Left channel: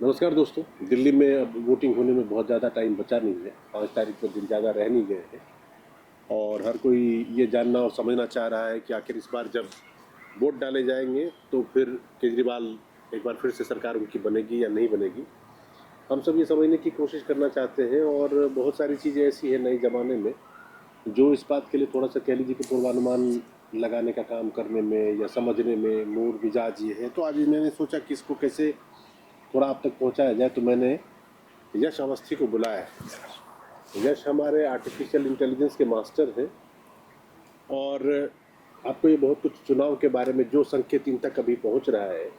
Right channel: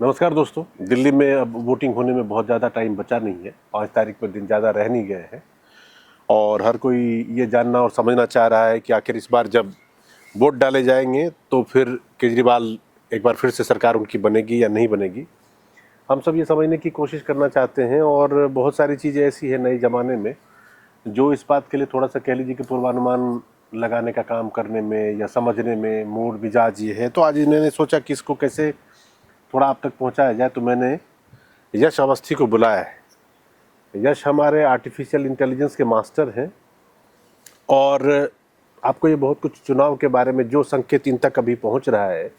नमस्कार दोस्तों। दिल्ली में अब वोटिंग होने में बहुत ज़्यादा टाइम बचा नहीं है। 5 तारीख पर दिन ज़्यादा रह नहीं गए हैं और हर कोई ये जानना और समझना चाह रहा है कि आखिर इस बार जब वोट डाले जाएंगे तो फिर केजरीवाल एक बार फिर से सरकार उनकी बनेगी या नहीं बनेगी। हम सब ये समझने की कोशिश करना चाहते हैं और बहुत सारी चीज़ें ऐसी है नए ज़माने में जो इस बात के लिए थोड़ा सा कह लीजिए कि पूर्वानुमान लगाने का काम करने में या समझने में मूड मिजाज ये है। तो आज इन्होंने सोचा कि इसको कैसे थोड़ा आप तक पहुंचाया जाए, तो मैंने यश अवस्थी को बुलाया है। यश हमारे आर्टिफिशियल इंटेलिजेंस के मास्टर हैं और आपको ये बहुत कुछ चुनाव के बारे में जो संकेत इन तक अभी पहुंच रहा है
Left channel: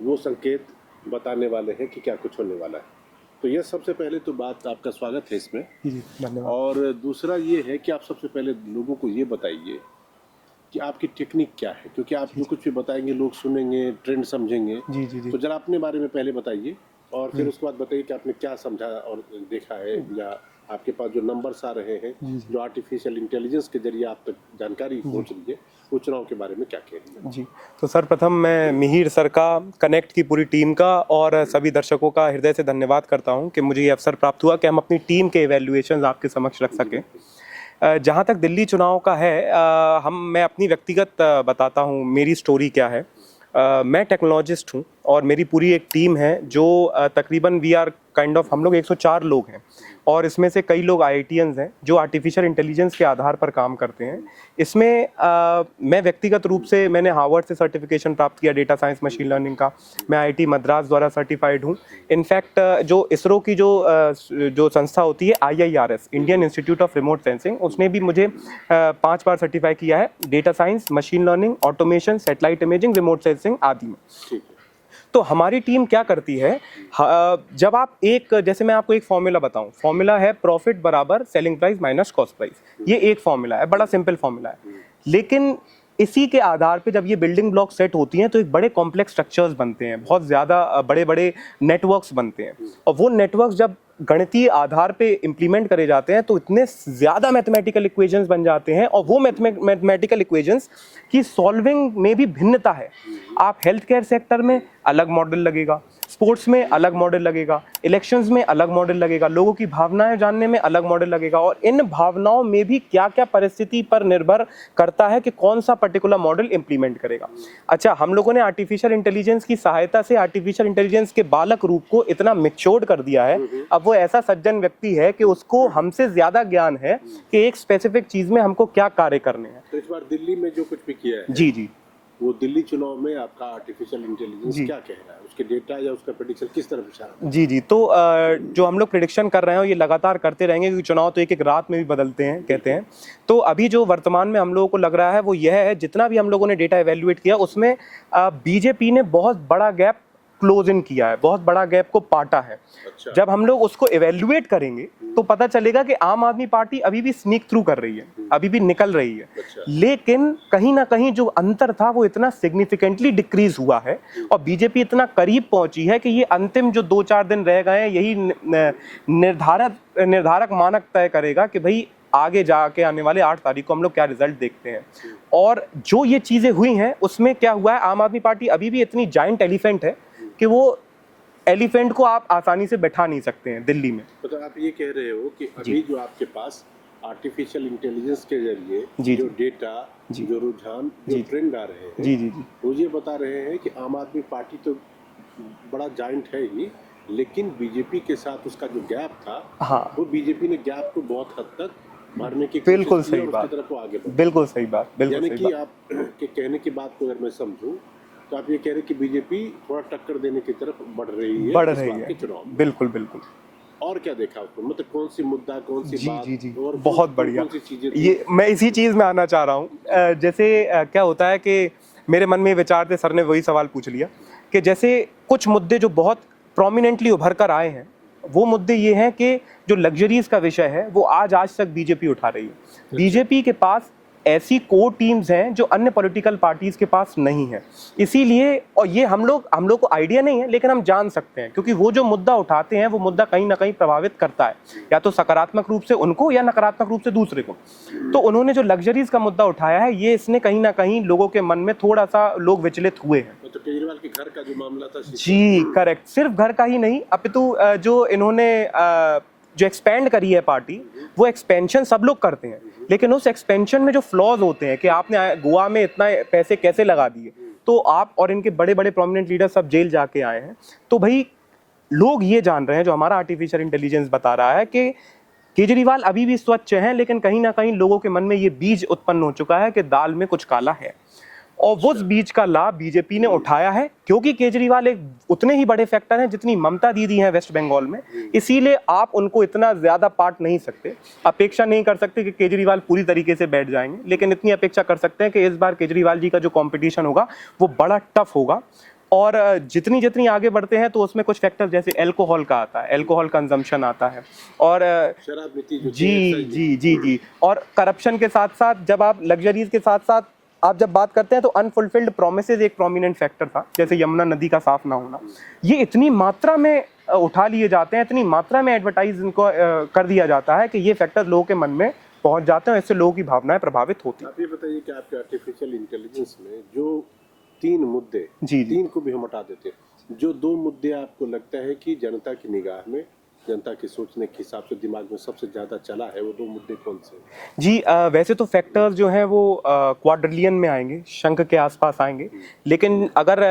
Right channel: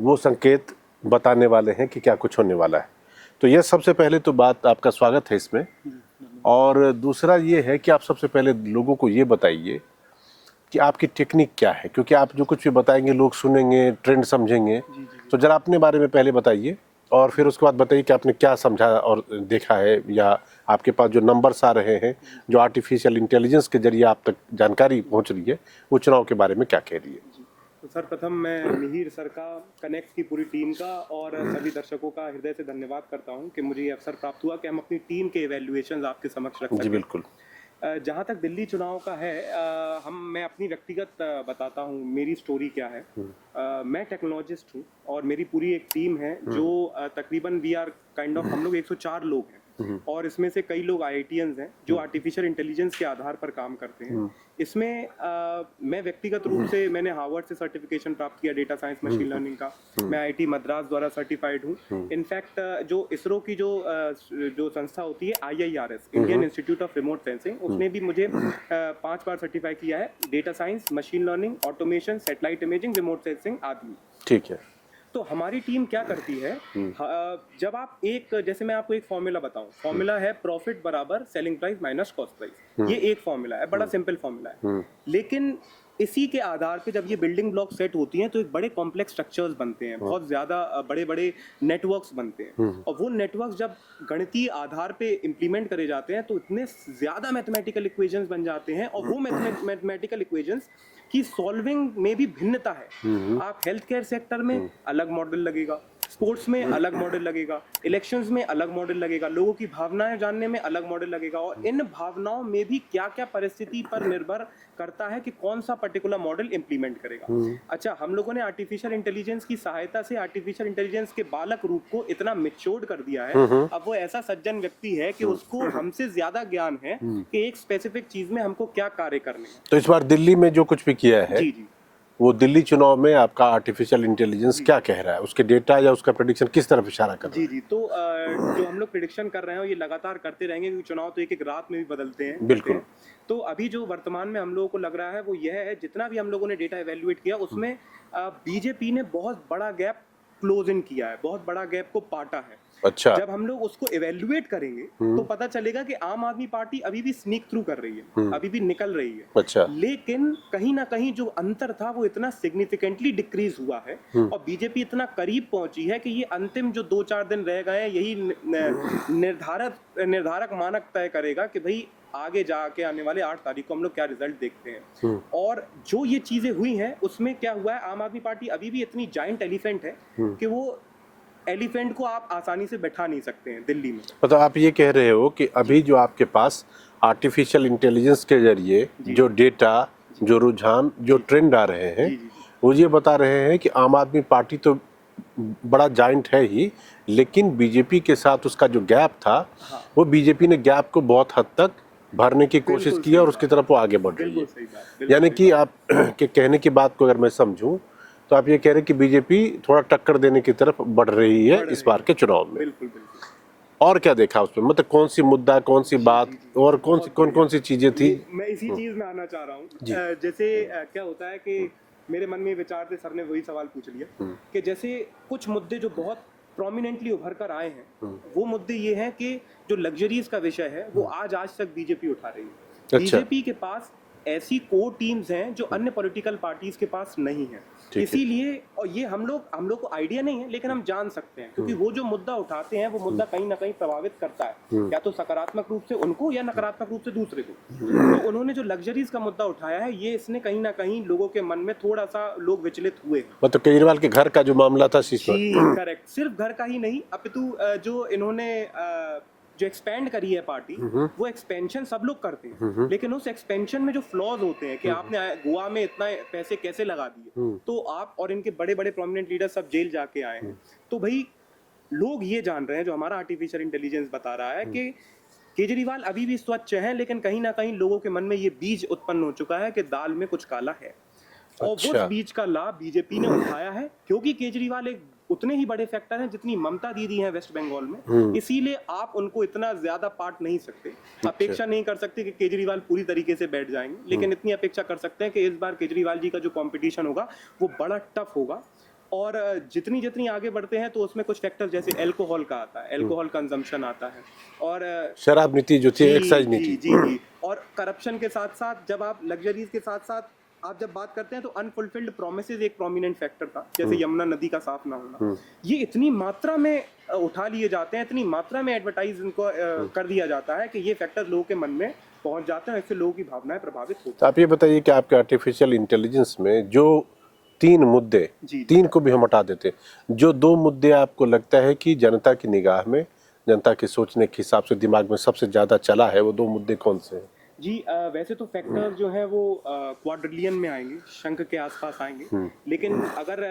वो संकेत बताने वाले हैं कि क्या कुछ होने वाला है। तो यह सबसे पहले तो बात, आपका स्वागत है इसमें। और दूसरा ये है कि आप सबसे पहले लोगों को ये बताइए कि आपकी टेक्निक क्या है, क्योंकि आप जो कुछ भी बताएंगे लोग सुनेंगे, ट्रेंड समझेंगे। जी। तो जरा अपने बारे में पहले बताइए और फिर उसके बाद बताइए कि आपने क्या समझा और देखा है, या आपके पास जो नंबर्स आ रहे हैं जो आर्टिफिशियल इंटेलिजेंस के जरिए आप तक जानकारी पहुंच रही है वो चुनाव के बारे में क्या कह रही है। जी, तो सर्वप्रथम मैं मिहिर सर का, कनेक्ट की पूरी टीम का और सभी दर्शकों का हृदय से धन्यवाद करता हूं कि मुझे ये अवसर प्राप्त हुआ कि हम अपनी टीम के इवैल्यूएशंस आपके समक्ष रख सकें। बिल्कुल। जहाँ तक दिल्ली चुनाव का है, मैं अपनी व्यक्तिगत बताता हूँ मेरी स्टोरी क्या है। मैं टेक्नोलॉजिस्ट हूँ और मेरी पूरी एक टीम है जो तकरीबन वी आर काइंड ऑफ, हम लोग 104 लोग हैं और इसमें से कई लोग आईआईटीएंस हैं जो आर्टिफिशियल इंटेलिजेंस के आधार पर काम करते हैं। इसमें मैं व्यक्तिगत रूप से मैंने हार्वर्ड से सर्टिफिकेशन प्राप्त किया डेटा साइंस मशीन लर्निंग का। मैं आईआईटी मद्रास द्वारा सर्टिफाइड हूँ। इनफैक्ट जो इसरो की जो संस्था होती है IIRS, Indian institute of remote sensing, उसने भी मुझे 5 बार सर्टिफाई किया है data science, machine learning, automation, satellite imaging, remote sensing आदि में। ठीक है। तो हमारी टीम क्या करती है, जब आप जैसे मैं आपको एक फॉर्मूला बताऊं, फॉर्मूला है प्रॉफिट बराबर selling price minus cost price. ये एक फॉर्मूला है, बड़ा सिंपल फॉर्मूला है, लेकिन इसी के आधार पे जब ये बिल्डिंग ब्लॉक सेट होती हैं तो एक बड़े कॉम्प्लेक्स स्ट्रक्चर्स बनते हैं, बहुत ज्यादा बड़े बड़े नेटवर्क्स बनते हैं और वो नेटवर्क्स जब गणितीय आधार पे इंप्लीमेंट करे जाते हैं तो इतने ज्यादा मैथमेटिकल इक्वेशंस बन जाते हैं और वो मैथमेटिकल इक्वेशंस की सॉल्विंग में भी भिन्नता है। आप हेल्थ केयर सेक्टर में अलग मॉडल लगेगा, स्पोर्ट्स में अलग मॉडल लगेगा, इलेक्शंस में अलग मॉडल लगेगा, लोगों की भावनाएं जानने में अलग मॉडल लगेगा और इन भावनाओं में भी क्या क्या परिस्थिति पर निर्भर करता है कि कौन सा पर्टिकुलर मॉडल इंप्लीमेंट करेगा। अच्छा, हम लोगों ने आर्टिफिशियल इंटेलिजेंस की सहायता से आर्टिफिशियल इंटेलिजेंस के बालक रूप को इतना मैच्योर्ड कर दिया है, अब वो ऐसा सज्जन व्यक्ति है कि उसको हमसे ज्यादा ज्ञान है कि एक स्पेसिफिक चीज में हमको क्या कार्य करने हैं। तो इस बार दिल्ली में जो कुछ भी किया है, जी, वो दिल्ली चुनाव में आपका आर्टिफिशियल इंटेलिजेंस क्या कह रहा है, उसके डेटा या उसका प्रेडिक्शन किस तरफ इशारा कर रहा है? जी, तो जो हम लोग प्रेडिक्शन कर रहे हैं ये लगातार करते रहेंगे क्योंकि चुनाव तो एक रात में भी बदलते हैं, कहते हैं। तो अभी जो वर्तमान में हम लोगों को लग रहा है वो यह है, जितना भी हम लोगों ने डेटा एवेल्युएट किया उसमें बीजेपी ने बहुत बड़ा गैप क्लोज इन किया है, बहुत बड़ा गैप को पाटा है। अच्छा। जब हम लोग उसको इवेल्युएट करेंगे तो पता चलेगा कि आम आदमी पार्टी अभी भी स्नीक थ्रू कर रही है, अभी भी निकल रही है। अच्छा। लेकिन कहीं ना कहीं जो अंतर था वो इतना सिग्निफिकेंटली डिक्रीज हुआ है और बीजेपी इतना करीब पहुंची है कि ये अंतिम जो 2-4 दिन रह गए हैं यही निर्धारक मानक तय करेगा कि भाई आगे जाके आने वाले 8 तारीख को हम लोग क्या रिजल्ट देखते हैं। और जो ये चीजें हुई हैं उसमें क्या हुआ है, आम आदमी पार्टी अभी भी इतनी जायंट एलिफेंट है कि वो एलिफेंट को आप आसानी से बैठा नहीं सकते हैं दिल्ली में। मतलब आप ये कह रहे हो कि अभी जो आपके पास आर्टिफिशियल इंटेलिजेंस के जरिए जो डेटा, जो रुझान, जो ट्रेंड आ रहे हैं, वो ये बता रहे हैं कि आम आदमी पार्टी तो बड़ा जायंट है ही, लेकिन बीजेपी के साथ उसका जो गैप था, वो बीजेपी ने गैप को बहुत हद तक भरने की कोशिश की और उसकी तरफ वो आगे बढ़। बिल्कुल सही बात। यानी कि आप के कहने की बात को अगर मैं समझूं तो आप ये कह रहे हैं कि बीजेपी थोड़ा टक्कर देने की तरफ बढ़ रही है इस बार के चुनाव में। बिल्कुल। और क्या देखा उसमें, मतलब कौन सी मुद्दा, कौन सी बात और कौन सी चीजें थी? मैं इसी चीज में आना चाह रहा हूँ। जैसे क्या होता है कि मेरे मन में विचार थे, सर ने वही सवाल पूछ लिया कि जैसे कुछ मुद्दे जो बहुत प्रोमिनेंटली उभर कर आए हैं, वो मुद्दे ये हैं कि जो लग्जरीज का विषय है वो आज तक बीजेपी उठा रही है। बीजेपी के पास ऐसी कोर टीम्स हैं जो अन्य पॉलिटिकल पार्टीज के पास नहीं है। इसीलिए, और ये हम लोग को आइडिया नहीं है, लेकिन हम जान सकते हैं, क्योंकि वो जो मुद्दा उठाते हैं वो मुद्दा कहीं ना कहीं प्रभावित करता है, या तो सकारात्मक रूप से उनको या नकारात्मक रूप से दूसरे को। तो उन्होंने जो लग्जरीज का मुद्दा उठाया है, ये इसने कहीं ना कहीं लोगों के मन में थोड़ा सा लोग विचलित हुए हैं। मतलब केजरीवाल के घर का जो मामला था, जी करेक्ट, सिर्फ घर का ही नहीं, अपितु जो इन्होंने जो एक्सपेंड करी है पार्टी, वो एक्सपेंशन सब लोग करते हैं, लेकिन उस एक्सपेंशन में जो फ्लॉज होते हैं कि आपने गोवा में इतना पैसे कैसे लगा दिए, तो आप और इनके बड़े बड़े प्रोमिनेंट लीडर सब जेल जाके आए हैं। तो भाई लोग ये जान रहे हैं, जो हमारा आर्टिफिशियल इंटेलिजेंस बता रहा है, कि केजरीवाल अभी भी स्वच्छ हैं, लेकिन कहीं ना कहीं लोगों के मन में ये बीज उत्पन्न हो चुका है कि दाल में कुछ काला है। और उस बीज का लाभ बीजेपी ने उठाया है, क्योंकि केजरीवाल एक उतने ही बड़े फैक्टर हैं जितनी ममता दीदी हैं वेस्ट बंगाल में। इसीलिए आप उनको इतना ज्यादा पार्ट नहीं सकते, अपेक्षा नहीं कर सकते कि केजरीवाल पूरी तरीके से बैठ जाएंगे, लेकिन इतनी अपेक्षा कर सकते हैं कि इस बार केजरीवाल जी का जो कंपटीशन होगा वो बड़ा टफ होगा। और जितनी जितनी आगे बढ़ते हैं तो उसमें कुछ फैक्टर जैसे अल्कोहल का आता है, अल्कोहल कंजम्पशन आता है, और शराब नीति जो थी, एक्साइज नीति, जी, और करप्शन के साथ साथ जब आप लग्जरीज के साथ साथ आप जब बात करते हैं तो अनफुलफिल्ड प्रोमिसेस एक प्रोमिनेंट फैक्टर था, जैसे यमुना नदी का साफ ना होना। ये इतनी मात्रा में उठा लिए जाते हैं, इतनी मात्रा में एडवर्टाइज इनको कर दिया जाता है कि ये फैक्टर लोगों के मन में पहुंच जाते हैं, इससे लोगों की भावनाएं प्रभावित होती हैं। आप ये बताइए कि आपके आर्टिफिशियल इंटेलिजेंस में जो 3 मुद्दे, 3 को भी हम हटा देते, जो 2 मुद्दे आपको लगता है कि जनता की निगाह में, जनता के सोचने के हिसाब से दिमाग में सबसे ज्यादा चला है, वो 2 मुद्दे कौन से हैं? जी वैसे तो फैक्टर्स जो हैं वो क्वाड्रिलियन में आएंगे, शंख के आसपास आएंगे, लेकिन अगर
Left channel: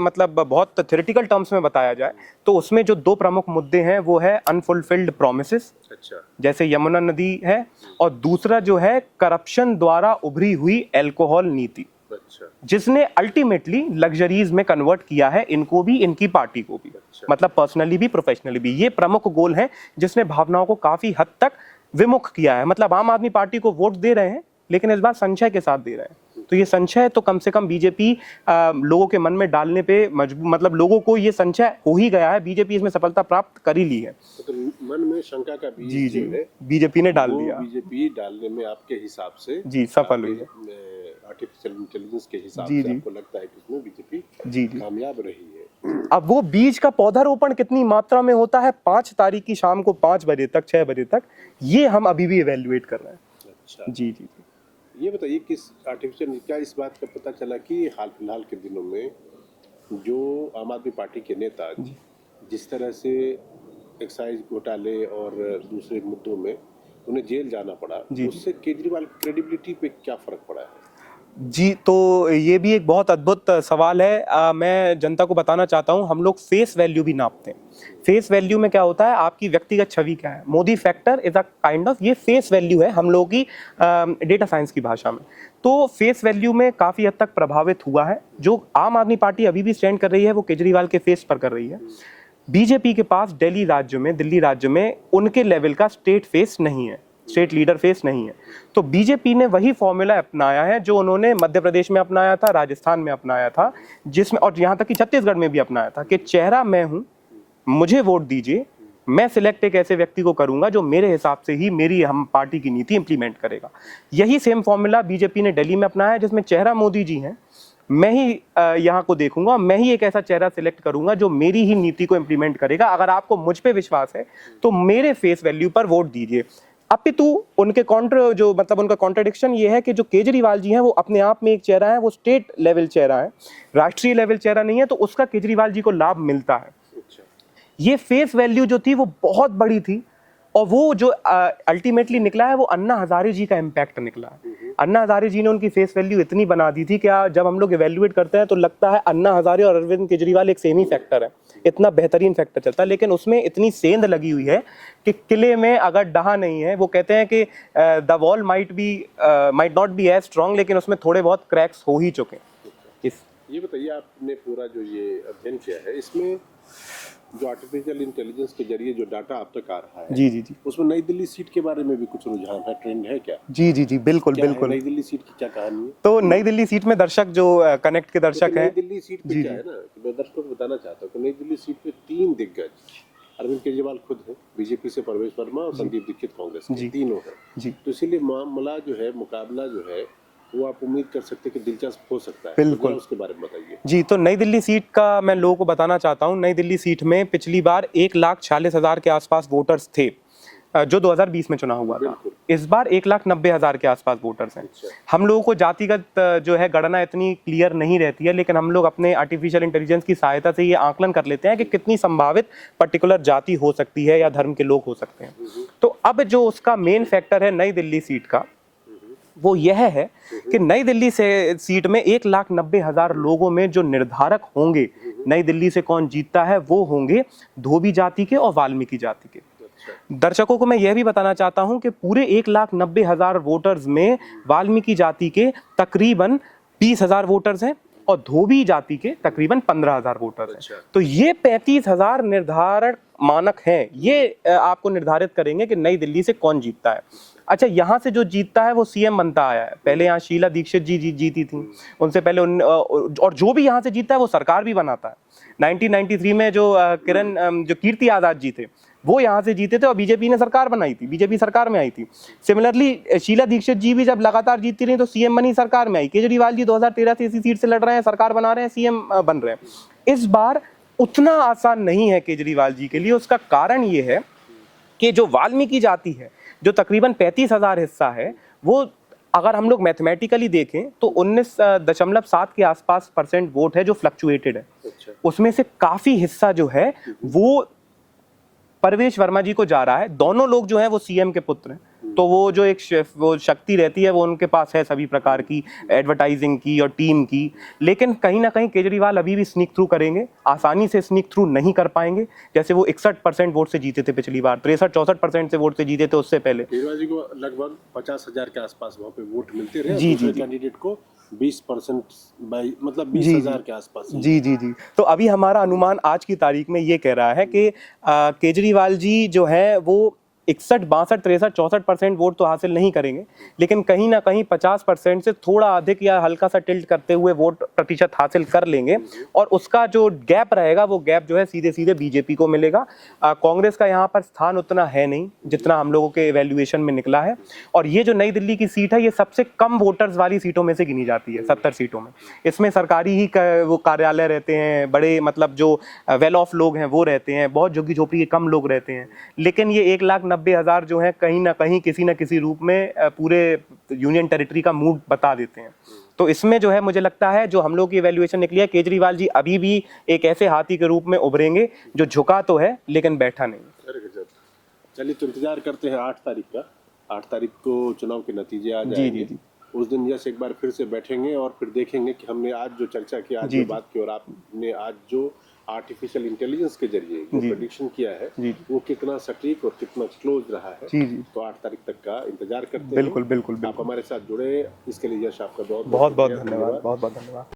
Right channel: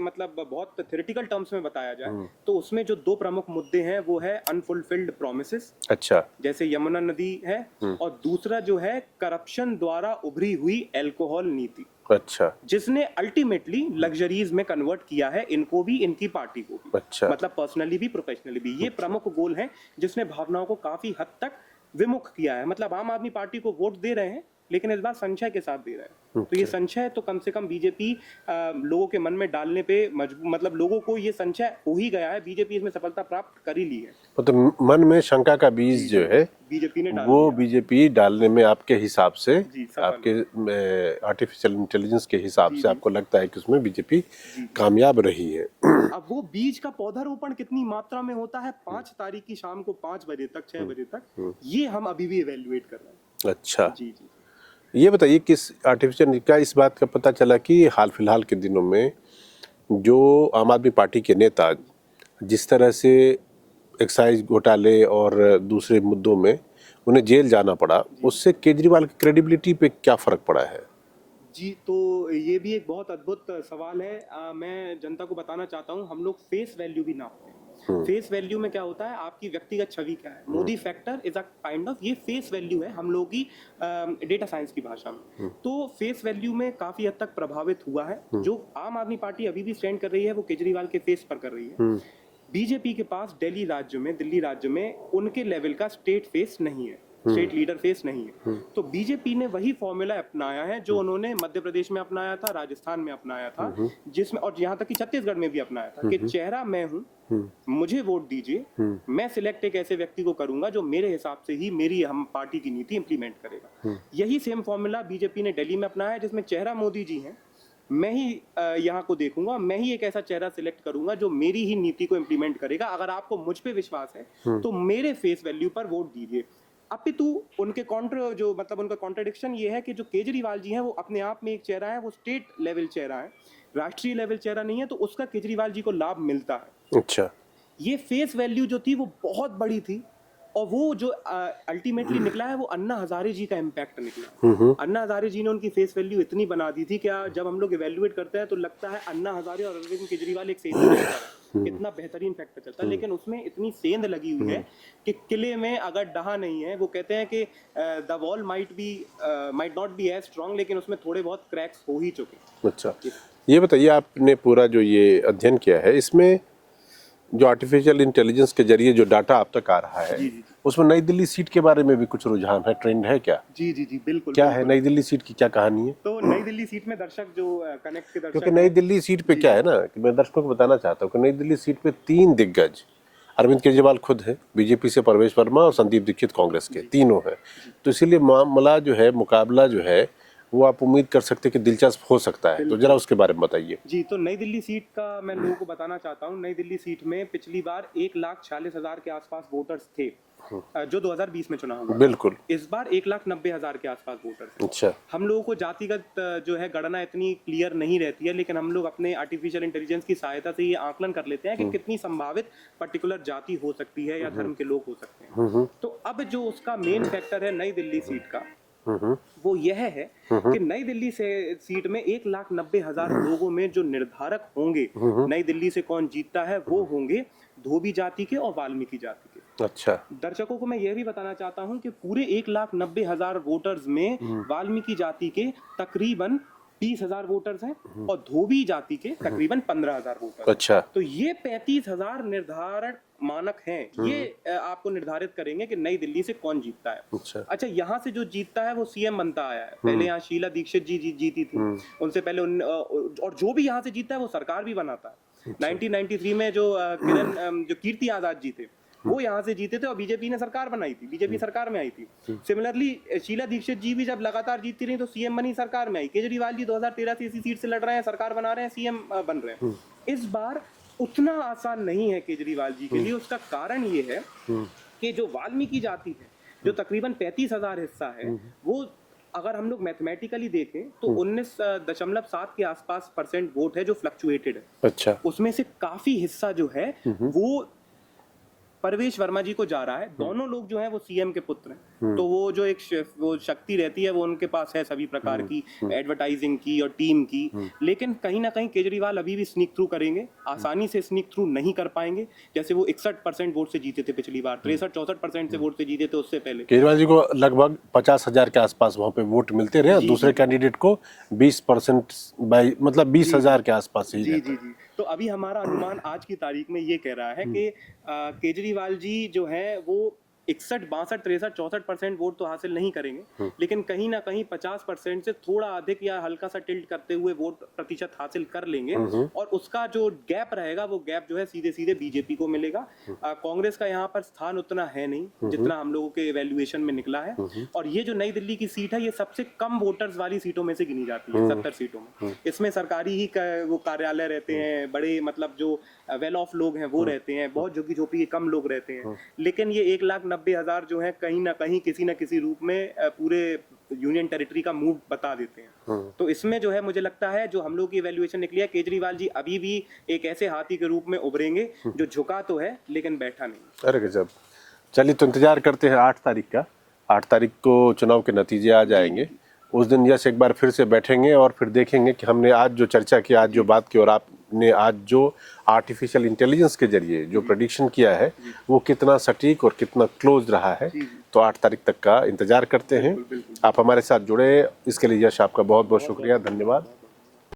मतलब बहुत थ्योरेटिकल टर्म्स में बताया जाए तो उसमें जो 2 प्रमुख मुद्दे हैं वो है अनफुलफिल्ड प्रोमिसेस, अच्छा, जैसे यमुना नदी है, और दूसरा जो है करप्शन द्वारा उभरी हुई अल्कोहल नीति, अच्छा, जिसने अल्टीमेटली लग्जरीज में कन्वर्ट किया है इनको भी, इनकी पार्टी को भी, अच्छा, मतलब पर्सनली भी प्रोफेशनली भी। ये प्रमुख गोल है जिसने भावनाओं को काफी हद तक विमुख किया है। मतलब आम आदमी पार्टी को वोट दे रहे हैं, लेकिन इस बार संशय के साथ दे रहे हैं। तो ये संशय तो कम से कम बीजेपी लोगों के मन में डालने पे मतलब लोगों को ये संशय हो ही गया है, बीजेपी इसमें सफलता प्राप्त कर ही ली है। तो मन में शंका का बीज जो है बीजेपी ने डाल वो बीजेपी डालने में आपके हिसाब से जी सफल, आर्टिफिशियल इंटेलिजेंस के हिसाब से आपको लगता है कि उसमें बीजेपी कामयाब रही है। अब वो बीज का पौधारोपण कितनी मात्रा में होता है 5 तारीख की शाम को 5 बजे तक, 6 बजे तक, ये हम अभी भी इवेल्युएट कर रहे हैं। अच्छा, जी जी, ये बताइए किस आर्टिफिशियल का इस बात का पता चला कि हाल फिलहाल के दिनों में जो आम आदमी पार्टी के नेता जिस तरह से एक्साइज घोटाले और दूसरे मुद्दों में उन्हें जेल जाना पड़ा, उससे केजरीवाल की क्रेडिबिलिटी पे क्या फर्क पड़ा है? जी, तो ये भी एक बहुत अद्भुत सवाल है। मैं जनता को बताना चाहता हूँ, हम लोग फेस वैल्यू भी नापते हैं। फेस वैल्यू में क्या होता है, आपकी व्यक्तिगत छवि क्या है। Modi factor is a kind of, ये फेस वैल्यू है हम लोगों की डेटा साइंस की भाषा में। तो फेस वैल्यू में काफी हद तक प्रभावित हुआ है। जो आम आदमी पार्टी अभी भी स्टैंड कर रही है वो केजरीवाल के फेस पर कर रही है। बीजेपी के पास दिल्ली राज्य में उनके लेवल का स्टेट फेस नहीं है, स्टेट लीडर फेस नहीं है। तो बीजेपी ने वही फॉर्मूला अपनाया है जो उन्होंने मध्य प्रदेश में अपनाया था, राजस्थान में अपनाया था, जिसमें और यहाँ तक कि छत्तीसगढ़ में भी अपनाया था कि चेहरा मैं हूँ, मुझे वोट दीजिए, मैं सिलेक्ट एक ऐसे व्यक्ति को करूंगा जो मेरे हिसाब से ही मेरी हम पार्टी की नीति इंप्लीमेंट करेगा। यही सेम फॉर्मूला बीजेपी ने दिल्ली में अपनाया है, जिसमें चेहरा मोदी जी हैं, मैं ही यहाँ को देखूंगा, मैं ही एक ऐसा चेहरा सिलेक्ट करूंगा जो मेरी ही नीति को इंप्लीमेंट करेगा। अगर आपको मुझ पे विश्वास है तो मेरे फेस वैल्यू पर वोट दीजिए। अपितु उनके कॉन्ट्र जो मतलब उनका कॉन्ट्रडिक्शन ये है कि जो केजरीवाल जी हैं वो अपने आप में एक चेहरा है, वो स्टेट लेवल चेहरा है, राष्ट्रीय लेवल चेहरा नहीं है, तो उसका केजरीवाल जी को लाभ मिलता है। अच्छा, ये फेस वैल्यू जो थी वो बहुत बड़ी थी, और वो जो अल्टीमेटली निकला है वो अन्ना हजारे जी का इम्पैक्ट निकला है। अन्ना हजारे जी ने उनकी फेस वैल्यू इतनी बना दी थी कि जब हम लोग इवेल्युएट करते हैं तो लगता है अन्ना हजारे और अरविंद केजरीवाल एक सेम ही फैक्टर है, इतना बेहतरीन फैक्टर चलता है। लेकिन उसमें इतनी सेंध लगी हुई है कि किले में अगर डहा नहीं है, वो कहते हैं कि the wall might not be as strong, लेकिन उसमें थोड़े बहुत क्रैक्स हो ही चुके। अच्छा, ये बताइए आपने पूरा जो ये अध्ययन किया है, इसमें जो आर्टिफिशियल इंटेलिजेंस के जरिए जो डाटा आप तक आ रहा है, जी जी जी, उसमें नई दिल्ली सीट के बारे में भी कुछ रुझान है, ट्रेंड है क्या? जी जी जी, बिल्कुल क्या बिल्कुल। है नई दिल्ली सीट की क्या कहानी है? तो नई दिल्ली सीट में दर्शक जो कनेक्ट के दर्शक नई दिल्ली सीट पे क्या है ना कि मैं दर्शकों को बताना चाहता हूँ कि नई दिल्ली सीट पे 3 दिग्गज अरविंद केजरीवाल खुद है, बीजेपी से परवेश वर्मा और संदीप दीक्षित कांग्रेस के, तीनों जी। हैं। तो इसीलिए मामला जो है, मुकाबला जो है, वो आप उम्मीद कर सकते हैं कि दिलचस्प हो सकता है। तो जरा उसके बारे में बताइए। जी, तो नई दिल्ली सीट का मैं लोगों को बताना चाहता हूँ। नई दिल्ली सीट में पिछली बार 1,46,000 के आसपास वोटर्स थे, जो 2020 में चुनाव हुआ था। बिल्कुल। इस बार 1,90,000 के आसपास वोटर्स हैं। अच्छा। हम लोगों को जातिगत जो है गणना इतनी क्लियर नहीं रहती है, लेकिन हम लोग अपने आर्टिफिशियल इंटेलिजेंस की सहायता से ये आकलन कर लेते हैं कि कितनी संभावित पर्टिकुलर जाति हो सकती है या धर्म के लोग हो सकते हैं। तो अब जो उसका मेन फैक्टर है नई दिल्ली सीट का, वो यह है कि नई दिल्ली से सीट में 1,90,000 लोगों में जो निर्धारक होंगे नई दिल्ली से कौन जीतता है, वो होंगे धोबी जाति के और वाल्मीकि जाति के। अच्छा। दर्शकों को मैं यह भी बताना चाहता हूं कि पूरे 1,90,000 वोटर्स में वाल्मीकि जाति के तकरीबन 20,000 वोटर्स हैं और धोबी जाति के तकरीबन 15,000 वोटर्स अच्छा। हैं। तो ये 35,000 निर्धारक मानक हैं, ये आपको निर्धारित करेंगे कि नई दिल्ली से कौन जीतता है। अच्छा, यहाँ से जो जीतता है वो सीएम बनता आया है। पहले यहाँ शीला दीक्षित जी जीती थी, उनसे पहले और जो भी यहाँ से जीतता है वो सरकार भी बनाता है। 1993 में जो जो कीर्ति आजाद जी थे, वो यहाँ से जीते थे और बीजेपी ने सरकार बनाई थी, बीजेपी सरकार में आई थी। सिमिलरली शीला दीक्षित जी भी जब लगातार जीतती रही तो सीएम बनी, सरकार में आई। केजरीवाल जी 2013 से इसी सीट से लड़ रहे हैं, सरकार बना रहे हैं, सीएम बन रहे हैं। इस बार उतना आसान नहीं है केजरीवाल जी के लिए। उसका कारण ये है कि जो वाल्मीकि जाति है, जो तकरीबन 35,000 हिस्सा है, वो अगर हम लोग मैथमेटिकली देखें तो 19.7 के आसपास % वोट है जो फ्लक्चुएटेड है। अच्छा। उसमें से काफी हिस्सा जो है वो परवेश वर्मा जी को जा रहा है। दोनों लोग जो हैं वो सीएम के पुत्र हैं, तो वो जो वो शक्ति रहती है वो उनके पास है, सभी प्रकार की एडवर्टाइजिंग की और टीम की। लेकिन कहीं ना कहीं केजरीवाल अभी भी स्नीक थ्रू करेंगे, आसानी से स्नीक थ्रू नहीं कर पाएंगे। जैसे वो 61% वोट से जीते थे पिछली बार, 63-64% से वोट से जीते थे उससे पहले। केजरीवाल जी को लगभग 50,000 के आसपास वहाँ पे वोट मिलते रहे, दूसरे कैंडिडेट को 20% मतलब 20,000 के आसपास। जी जी जी। तो अभी हमारा अनुमान आज की तारीख में ये कह रहा है कि केजरीवाल जी जो है वो 61, 62, 63, 64% वोट तो हासिल नहीं करेंगे, लेकिन कहीं ना कहीं 50% से थोड़ा अधिक या हल्का सा टिल्ट करते हुए वोट प्रतिशत हासिल कर लेंगे। और उसका जो गैप रहेगा वो गैप जो है सीधे सीधे बीजेपी को मिलेगा। कांग्रेस का यहाँ पर स्थान उतना है नहीं जितना हम लोगों के इवैल्यूएशन में निकला है। और ये जो नई दिल्ली की सीट है ये सबसे कम वोटर्स वाली सीटों में से गिनी जाती है, 70 सीटों में। इसमें सरकारी ही वो कार्यालय रहते हैं, बड़े मतलब जो वेल ऑफ लोग हैं वो रहते हैं, बहुत झुग्गी झोपड़ी के कम लोग रहते हैं। लेकिन ये 1,90,000 जो है कहीं ना कहीं किसी न किसी रूप में पूरे यूनियन टेरिटरी का मूड बता देते हैं। तो इसमें जो है मुझे लगता है जो हम लोग की इवैल्यूएशन निकली है, केजरीवाल जी अभी भी एक ऐसे हाथी के रूप में उभरेंगे जो झुका तो है लेकिन बैठा नहीं। अरे गजब। चलिए तो इंतजार करते हैं 8 तारीख का। 8 तारीख को चुनाव के नतीजे आ जाएंगे। उस दिन यश एक बार फिर से बैठेंगे और फिर देखेंगे कि हमने आज जो चर्चा की, आज जो बात की और आपने आज जो आर्टिफिशियल इंटेलिजेंस के जरिए जो प्रेडिक्शन किया है वो कितना सटीक और कितना क्लोज रहा है। तो 8 तारीख तक का इंतजार करते हैं। बिल्कुल बिल्कुल। आप हमारे साथ जुड़े, इसके लिए यश आपका बहुत बहुत शुक्रिया, धन्यवाद। बहुत बहुत धन्यवाद।